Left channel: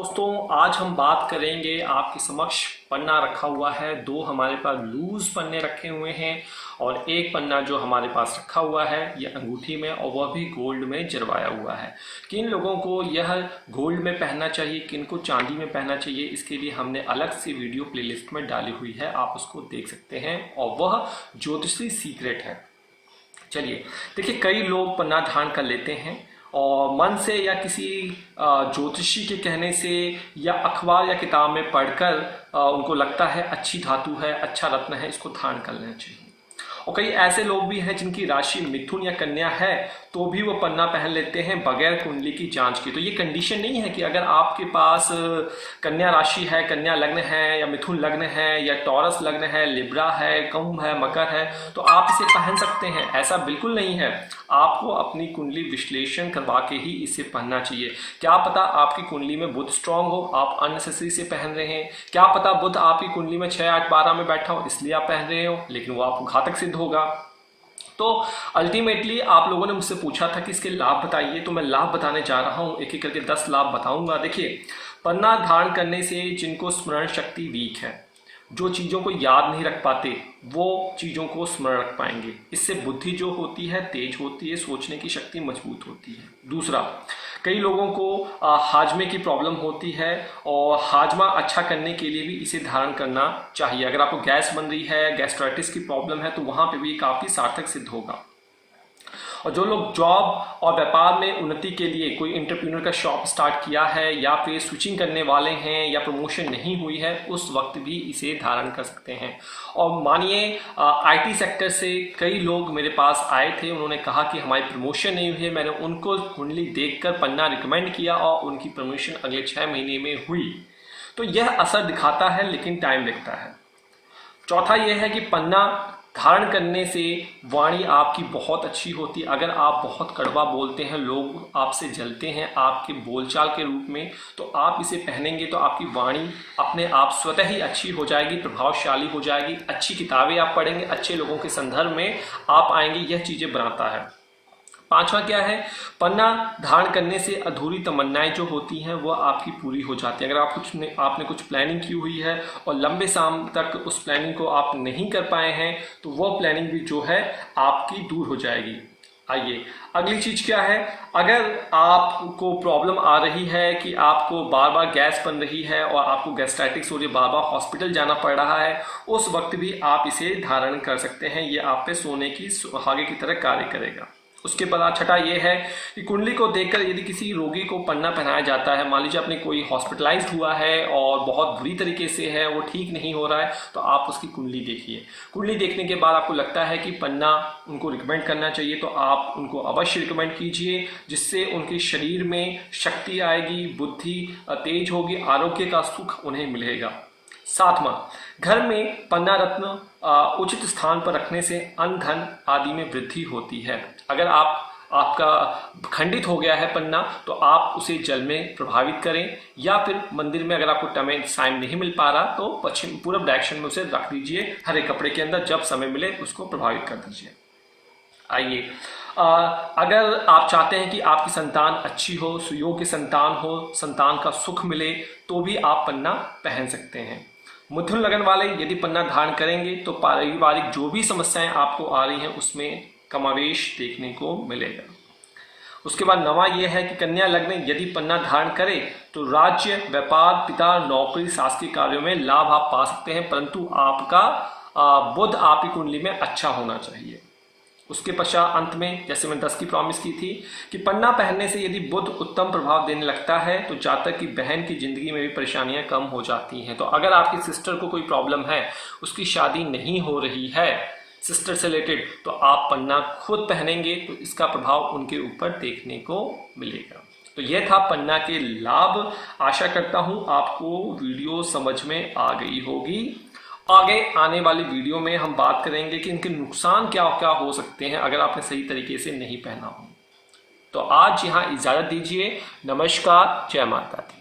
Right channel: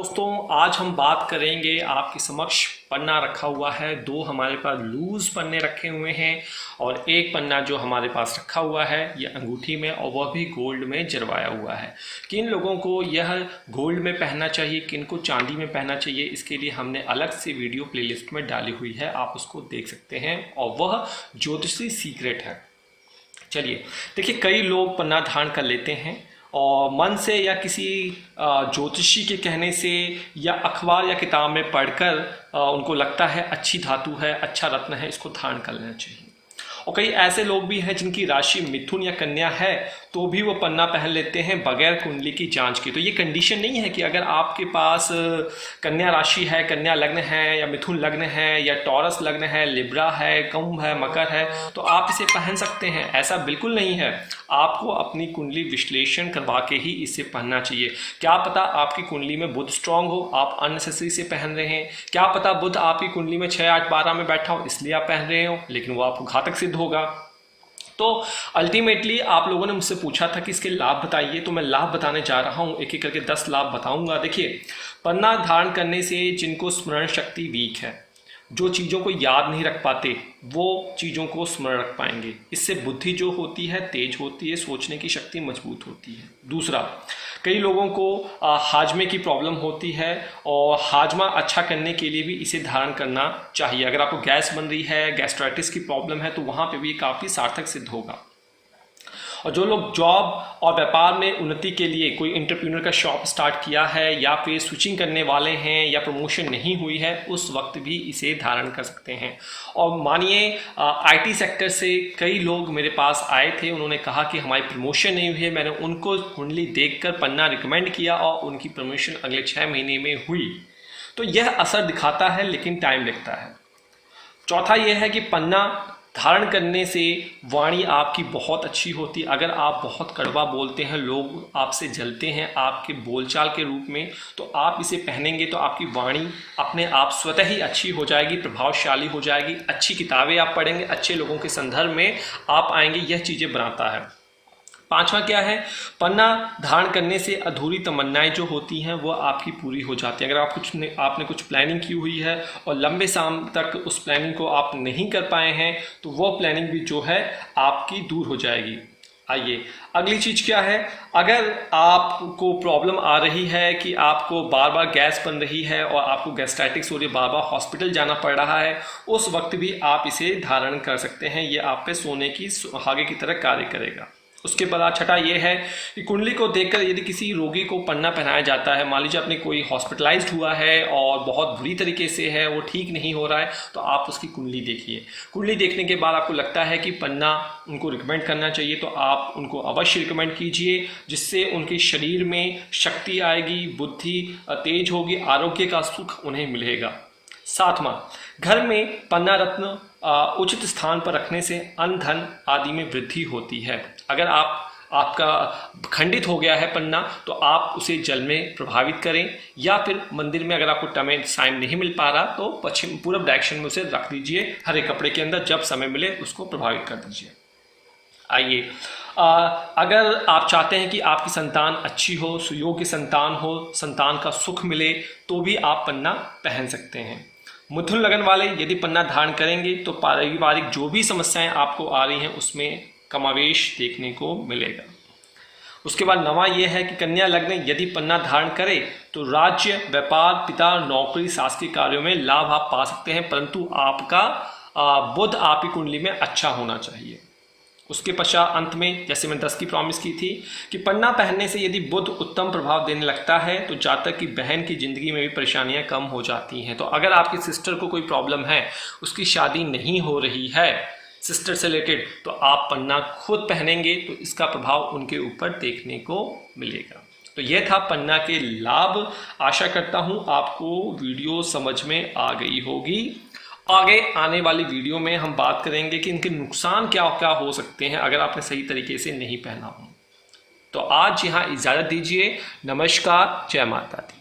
दोस्तों आज हम बात करेंगे आपके समक्ष पन्ना रखा हुआ है। दो हमारे पास लूज पन्ने रखे हुए हैं और एक पन्ना जो हमारे पास रखा हुआ है ये अंगूठी में और वह भी गोल्ड में जरवाया हुआ है। किन लोगों को यह गोल्ड में पहनना चाहिए, किन को चांदी में पहनना चाहिए, इसके लिए हमने अलग से वीडियो प्लेलिस्ट में डाली हुई है, आप उसको देख सकते हैं और वह ज्योतिषी सीक्रेट है। चलिए देखिए, कई लोग पन्ना धारण कर लेते हैं और मन से या किसी ज्योतिषी के कहने से या अखबार या किताब में पढ़कर उनको लगता है अच्छी धातु है, अच्छा रत्न है, इसको धारण कर लेना चाहिए। और कई ऐसे लोग भी हैं जिनकी राशि मिथुन या कन्या है तो भी वो पन्ना पहन लेते हैं बगैर कुंडली की जांच के। तो ये कंडीशन नहीं है कि अगर आपके पास कन्या राशि है, कन्या लग्न है या मिथुन लग्न है या टॉरस लग्न है, लिब्रा है, कुंभ है, मकर है तो आप इसे पहन सकते हैं, ऐसा बिल्कुल नहीं है। आपको अपनी कुंडली विश्लेषण करवा के ही इसे पहनना चाहिए। क्या पता आपकी कुंडली में बुध स्ट्रांग हो, आप अननेसेसरी से पहन रहे हैं। क्या पता बुध आपकी कुंडली में 6, 8, 12 में बैठा हो इसलिए आप पहन रहे हो, लेकिन वो आपको घातक सिद्ध होगा। तो अल्टीमेटली आप लोगों ने मुझसे पूछा था कि इसके लाभ बताइए, तो मैं लाभ बताने जा रहा हूँ। एक एक करके 10 लाभ बताऊंगा। देखिए, पन्ना धारण करने से जिनको स्मरण शक्ति वीक है, जो चीज़ों को याद नहीं रख पाते, वो चीज़ों को स्मरण रख पाएंगे। इससे बुद्धि जो होती है तेज होती है, सोचने की शक्ति मजबूत होती है। दूसरा, कई लोगों को हाजमे की प्रॉब्लम होती है और हाजमा अच्छा करने के लिए भी इसे धारण करना चाहिए। अगर आपको गैस बन रही है, गैस्ट्राइटिस की प्रॉब्लम है तो वहाँ पे भी काफ़ी सार्थक सिद्ध होगा। और जो लोग जॉब और व्यापार में उन्नति के लिए कोई एंटरप्रेन्योर का शॉप स्टार्ट किया है या फिर स्विचिंग करने वाले हैं या प्रमोशन नहीं हुई है, उस वक्त भी इसे धारण कर सकते हैं। और मानिए आईटी सेक्टर से कई लोग मेरे पास आए थे, उन्होंने कहा कि हमारी प्रमोशन नहीं हुई है। मैंने उनको कुंडली देखकर पन्ना रिकमेंड किया और उनकी प्रमोशन अगले 6 महीने में हुई। तो यह असर दिखाता है लेकिन टाइम लगता है। चौथा यह है कि पन्ना धारण करने से वाणी आपकी बहुत अच्छी होती है। अगर आप बहुत कड़वा बोलते हैं, लोग आपसे जलते हैं आपके बोलचाल के रूप में, तो आप इसे पहनेंगे तो आपकी वाणी अपने आप स्वतः ही अच्छी हो जाएगी, प्रभावशाली हो जाएगी। अच्छी किताबें आप पढ़ेंगे, अच्छे लोगों के संदर्भ में आप आएंगे, यह चीज़ें बनाता है। पांचवा क्या है, पन्ना धारण करने से अधूरी तमन्नाएं जो होती हैं वो आपकी पूरी हो जाती हैं। अगर आपने कुछ प्लानिंग की हुई है और लंबे शाम तक उस प्लानिंग को आप नहीं कर पाए हैं तो वो प्लानिंग भी जो है आपकी दूर हो जाएगी। आइए अगली चीज़ क्या है, अगर आपको प्रॉब्लम आ रही है कि आपको बार बार गैस बन रही है और आपको गैस्ट्राइटिस हो रही है, बार बार हॉस्पिटल जाना पड़ रहा है, उस वक्त भी आप इसे धारण कर सकते हैं। ये आप पे सोने की सुहागे की तरह कार्य करेगा। उसके बाद छठा ये है कि कुंडली को देखकर यदि किसी रोगी को पन्ना पहनाया जाता है, मान लीजिए अपने कोई हॉस्पिटलाइज्ड हुआ है और बहुत बुरी तरीके से है, वो ठीक नहीं हो रहा है, तो आप उसकी कुंडली देखिए। कुंडली देखने के बाद आपको लगता है कि पन्ना उनको रिकमेंड करना चाहिए तो आप उनको अवश्य रिकमेंड कीजिए, जिससे उनके शरीर में शक्ति आएगी, बुद्धि तेज होगी, आरोग्य का सुख उन्हें मिलेगा। सातवां, घर में पन्ना रत्न उचित स्थान पर रखने से अन्न धन आदि में वृद्धि होती है। अगर आपका खंडित हो गया है पन्ना तो आप उसे जल में प्रभावित करें, या फिर मंदिर में अगर आपको टाइम नहीं मिल पा रहा तो पश्चिम पूर्व डायरेक्शन में उसे रख दीजिए, हरे कपड़े के अंदर, जब समय मिले उसको प्रभावित कर दीजिए। आइए, अगर आप चाहते हैं कि आपकी संतान अच्छी हो, सुयोग्य संतान हो, संतान का सुख मिले, तो भी आप पन्ना पहन सकते हैं। मिथुन लगन वाले यदि पन्ना धारण करेंगे तो पारिवारिक जो भी समस्याएं आपको आ रही हैं उसमें कमावेश देखने को मिलेगा। उसके बाद नवा यह है कि कन्या लग्न यदि पन्ना धारण करे तो राज्य, व्यापार, पिता, नौकरी, शासकीय कार्यों में लाभ आप पा सकते हैं, परंतु आपका बुध आपकी कुंडली में अच्छा होना चाहिए। उसके पश्चात अंत में जैसे मैं 10 की प्रॉमिस की थी कि पन्ना पहनने से यदि बुध उत्तम प्रभाव देने लगता है तो जातक की बहन की जिंदगी में भी परेशानियां कम हो जाती हैं। तो अगर आपकी सिस्टर को कोई प्रॉब्लम है, उसकी शादी नहीं हो रही है सिस्टर से रिलेटेड, तो आप पन्ना खुद पहनेंगे तो इसका प्रभाव उनके ऊपर देखने को मिलेगा। तो यह था पन्ना के लाभ। आशा करता हूँ आपको वीडियो समझ में आ गई होगी। आगे आने वाली वीडियो में हम बात करेंगे कि इनके नुकसान क्या क्या हो सकते हैं अगर आपने सही तरीके से नहीं पहना हो। तो आज यहाँ इजाज़त दीजिए। नमस्कार, जय माता दी।